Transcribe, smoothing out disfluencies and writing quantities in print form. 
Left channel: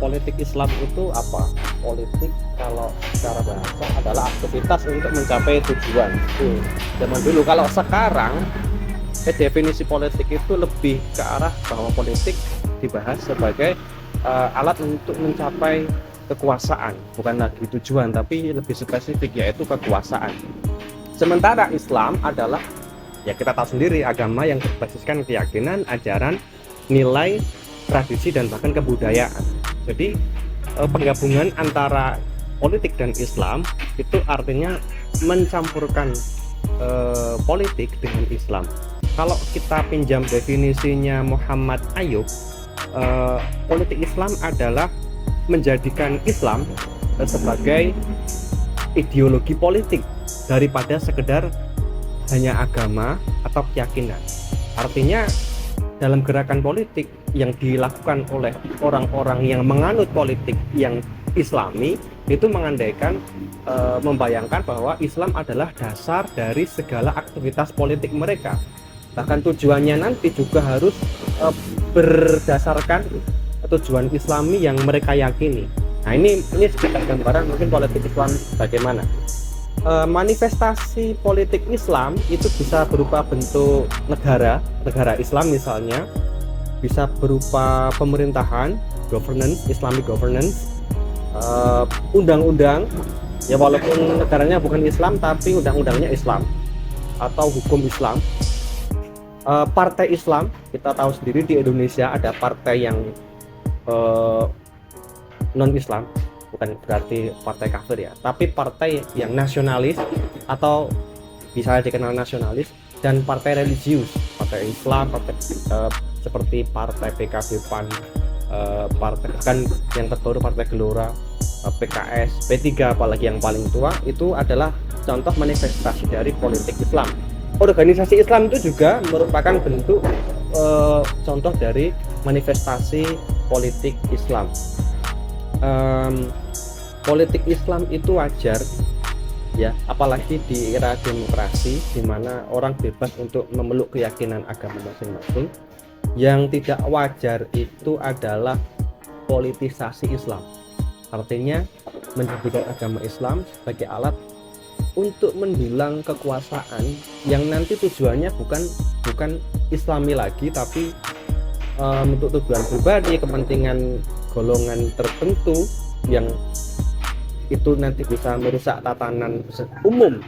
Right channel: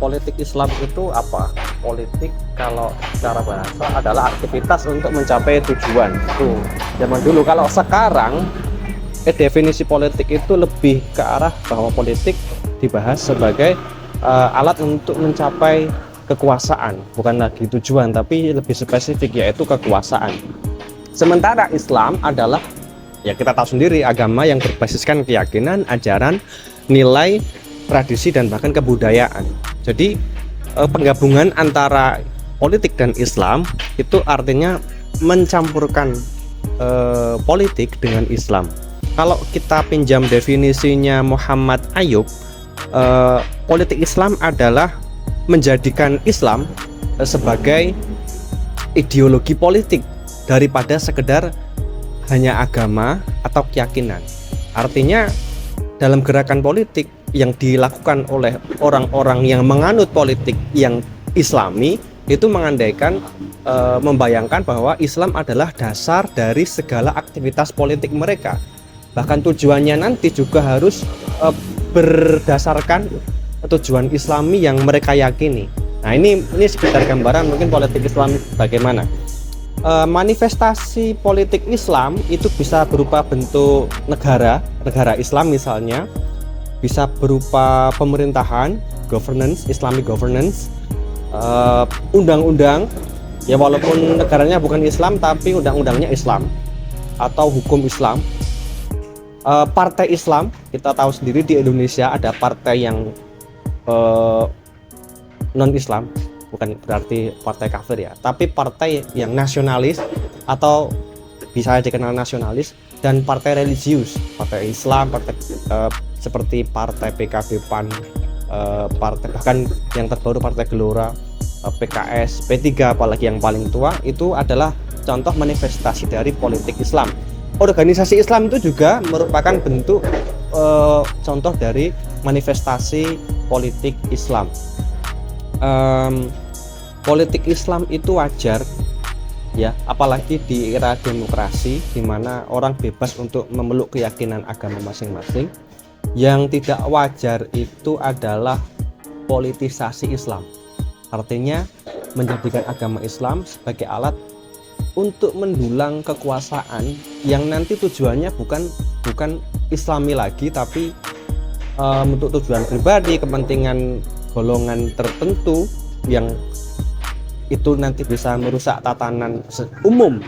politik Islam itu apa? Politik kalau secara bahasa adalah aktivitas untuk mencapai tujuan. Tuh, zaman dulu. Kalau sekarang definisi politik itu lebih ke arah bahwa politik dibahas sebagai alat untuk mencapai kekuasaan, bukan lagi tujuan, tapi lebih spesifik yaitu kekuasaan. Sementara Islam adalah, ya kita tahu sendiri, agama yang berbasiskan keyakinan, ajaran, nilai, tradisi, dan bahkan kebudayaan. Jadi penggabungan antara politik dan Islam itu artinya mencampurkan politik dengan Islam. Kalau kita pinjam definisinya Muhammad Ayub, politik Islam adalah menjadikan Islam sebagai ideologi politik daripada sekedar hanya agama atau keyakinan. Artinya dalam gerakan politik yang dilakukan oleh orang-orang yang menganut politik yang Islami itu mengandaikan, membayangkan bahwa Islam adalah dasar dari segala aktivitas politik mereka. Bahkan tujuannya nanti juga harus berdasarkan tujuan Islami yang mereka yakini. Nah, ini sekitar gambaran mungkin politik Islam bagaimana. Manifestasi politik Islam itu bisa berupa bentuk negara Islam misalnya, bisa berupa pemerintahan, governance, Islamic governance, undang-undang, ya walaupun negaranya bukan Islam tapi undang-undangnya Islam, atau hukum Islam. Partai Islam, kita tahu sendiri di Indonesia ada partai yang non-Islam, bukan berarti partai kafir ya, tapi partai yang nasionalis atau bisa dikenal nasionalis, dan partai religius, partai Islam, partai seperti partai PKB, PAN, partai bahkan yang terbaru partai Gelora, PKS, P3 apalagi yang paling tua, itu adalah contoh manifestasi dari politik Islam. Organisasi Islam itu juga merupakan bentuk contoh dari manifestasi politik Islam. Politik Islam itu wajar ya, apalagi di era demokrasi di mana orang bebas untuk memeluk keyakinan agama masing-masing. Yang tidak wajar itu adalah politisasi Islam, artinya menjadikan agama Islam sebagai alat untuk mendulang kekuasaan yang nanti tujuannya bukan Islami lagi, tapi untuk tujuan pribadi, kepentingan golongan tertentu yang itu nanti bisa merusak tatanan umum